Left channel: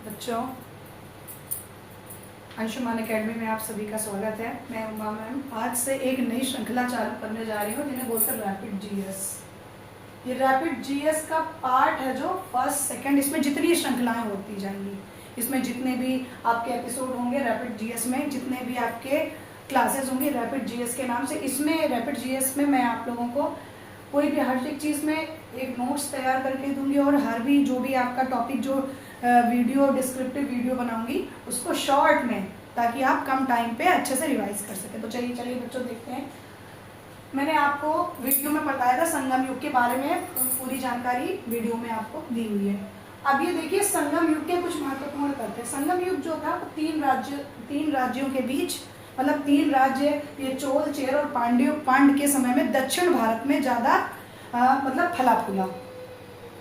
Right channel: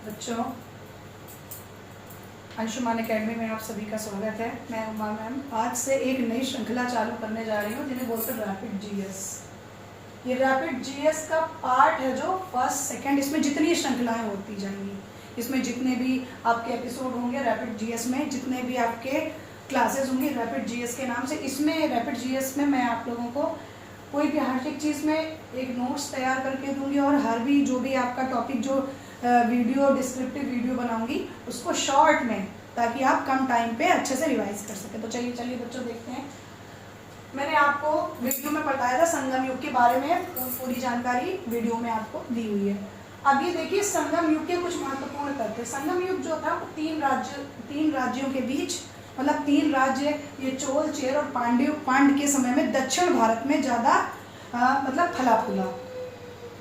बच्चों, अंशुमान एकेडमी में आप सभी का स्वागत है। मैं उमा मैम आज से एक नई श्रृंखला चालू करने जा रही हूँ जिन्हें बोलते हैं रैपिड जीएस। ये रैपिड जीएस का पार्ट है जो फर्स्ट सेकंड, इसमें जितनी श्रृंखलाएं होती जाएंगी, इसमें जितने भी आपके एपिसोड होंगे रैपिड जीएस में, जितने भी आपके क्लासेस होंगी रैपिड जीएस के नाम से, इसमें रैपिड जीएस में मैं आप लोगों को कोई भी हर एक चीज़ में एक नोट्स तैयार करके दूंगी और हर भी जो भी आपका टॉपिक जो वीडियो डिस्क्रिप्टिव वीडियो बनाऊंगी उसको शॉर्ट में, ताकि आप कम टाइम पे अच्छे से रिवाइज कर सके। तो चलिए बच्चों देखते हैं। मैंने आपको वीडियो में बताया था संगम युग के बारे में, पूरी जानकारी वीडियो में आपको दी हुई है। अब ये देखिए संगम युग के कुछ महत्वपूर्ण तथ्य। संगम युग जो था तीन राज्यों के बीच, मतलब तीन राज्य, ये चोल, चेर और पांड्य के समय में दक्षिण भारत में ज्यादा मतलब फला फूला।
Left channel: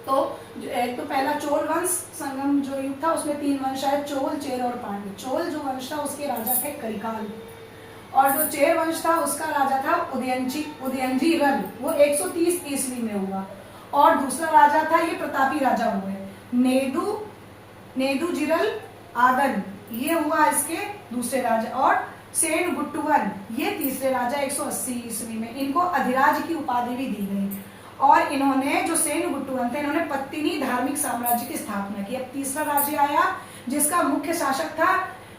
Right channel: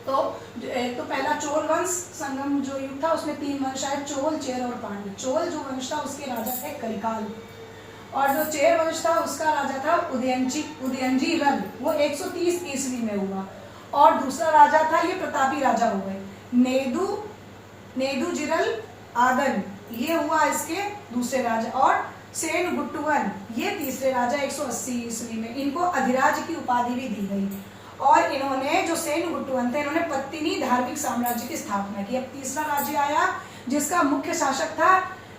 तो एक तो पहला चोल वंश, संगम जो युग था उसमें तीन वंश आए, चोल, चेर और पांड्य। चोल जो वंश था उसके राजा थे करिकाल, और जो चेर वंश था उसका राजा था उदयनजीरन, वो 130 ईस्वी में हुआ। और दूसरा राजा था, ये प्रतापी राजा हो गए, नेदुजिरल आदन, ये हुआ इसके दूसरे राजा। और सेन गुट्टुवन, ये तीसरे राजा 180 ईस्वी में। इनको अधिराज की उपाधि भी दी गई। और इन्होंने, जो सेन गुट्टुवन थे, इन्होंने पत्तिनी धार्मिक साम्राज्य की स्थापना की। अब तीसरा राज्य आया जिसका मुख्य शासक था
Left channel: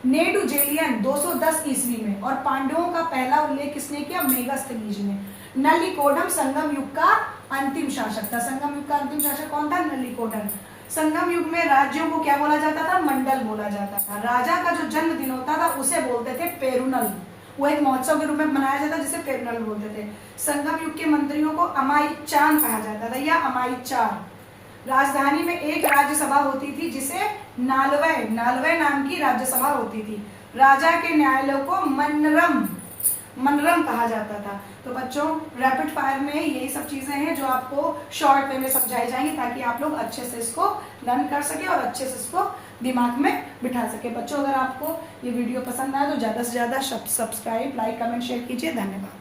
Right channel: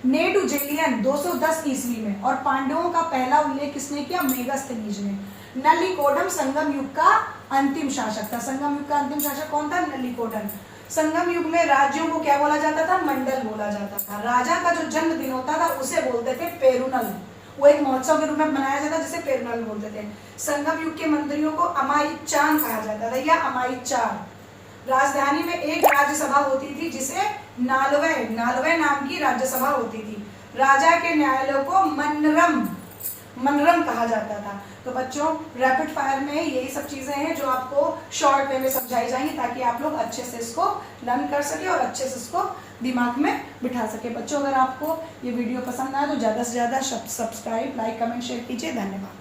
नेडुजेलियन 210 ईस्वी में। और पांडवों का पहला उल्लेख किसने किया? मेगस्थनीज ने। नलिकोडम संगम युग का अंतिम शासक था। संगम युग का अंतिम शासक कौन था? नलिकोडम। संगम युग में राज्यों को क्या बोला जाता था? मंडल बोला जाता था। राजा का जो जन्मदिन होता था उसे बोलते थे पेरुनल, वो एक महोत्सव के रूप में मनाया जाता जिसे पेरुनल बोलते थे। संगम युग के मंत्रियों को अमायिचान कहा जाता था या अमायिचार। राजधानी में एक राज्यसभा होती थी जिसे नालवय नाम की राज्यसभा होती थी। राजा के न्यायालयों को मनरम कहा जाता था। तो बच्चों, रैपिड फायर में यही सब चीजें हैं जो आपको शॉर्ट वे में समझाई जाएंगी, ताकि आप लोग अच्छे से इसको लर्न कर सके और अच्छे से इसको दिमाग में बिठा सके। बच्चों, अगर आपको ये वीडियो पसंद आया तो ज्यादा से ज्यादा सब्सक्राइब, लाइक, कमेंट, शेयर कीजिए। धन्यवाद।